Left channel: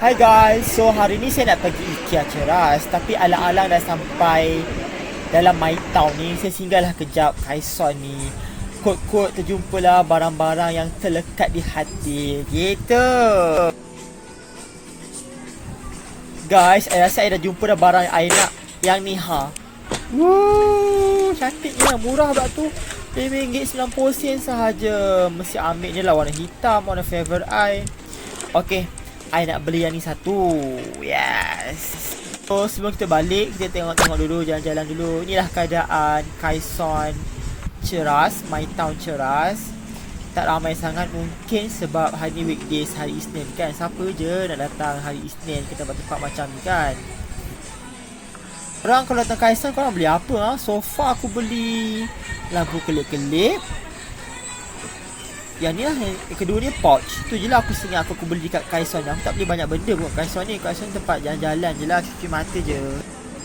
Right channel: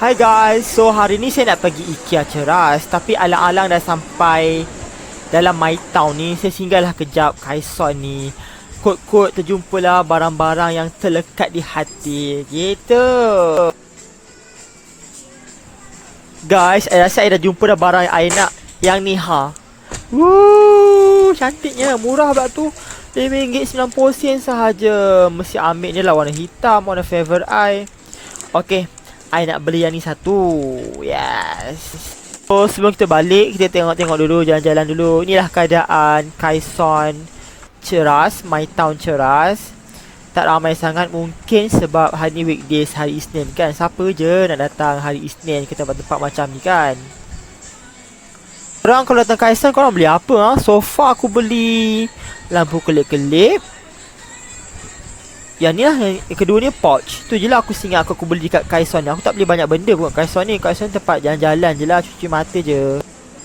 Hai guys, so hari ni saya nak pergi IKEA Cheras, tapi alang-alang dah sampai dalam Mytown ni. Saya singgahlah kejap Kaison ni. Kot-kot terjumpalah barang-barang yang terlekat di hati. Gitu. Guys, saya rasa saya dah jumpa dah barang yang saya nak. Yang ni ha. Cantiknya, murah pula tu. RM5.90 sahaja. Mesti ambil je lah warna hitam, warna favorite I. Okay, I nak beli yang ni satu. Yes. So sebelum kita balik, kita tengok-tengok dulu, jalan-jalan dulu. Inilah keadaan Kaison Cheras, Mytown Cheras. Tak ramai sangat mungkin sebab hari ni weekdays, hari Isnin kan. Siapa je nak datang hari Isnin ke tempat-tempat macam ni kan. Korang kalau datang Kaison, korang beli apa ha? So far aku beli lampu kelip-kelip. Yang ni lah, yang kedua ni pouch. Tu je lah aku singgah aku beli dekat Kaison ni. Aku tak beli banyak benda pun kat Kaison ni. Kaison tempat jalan-jalan je lah, cuci mata je.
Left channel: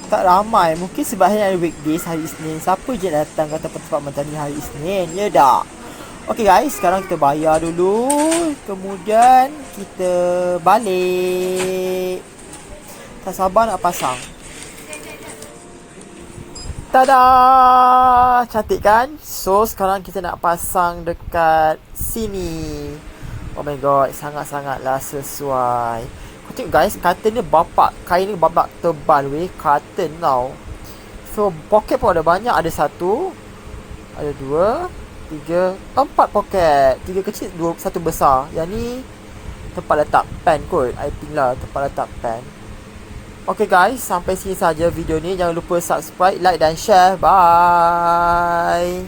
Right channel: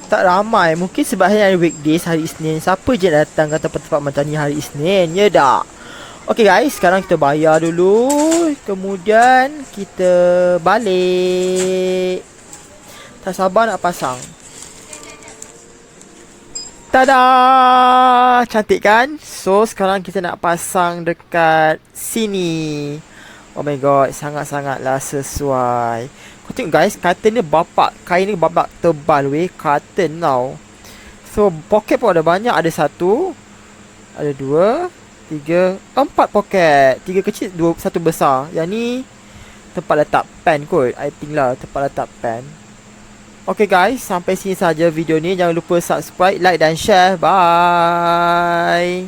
Tak ramai, mungkin sebab hari weekdays, hari Isnin. Siapa je datang ke tempat-tempat macam ni hari Isnin, ya tak? Okay guys, sekarang kita bayar dulu. Kemudian kita balik. Tak sabar nak pasang. Tada! Cantik kan? So sekarang kita nak pasang dekat sini. Oh my god, sangat-sangatlah sesuai. Kau tengok guys, curtain ni bapak. Kain ni bapak tebal weh. Curtain tau. So poket pun ada banyak. Ada satu, ada dua, tiga, empat poket. Tiga kecil, satu besar. Yang ni tempat letak pen kot, I think lah, tempat letak pen. Okay guys, sampai sini saja video ni. Jangan lupa subscribe, like dan share. Bye.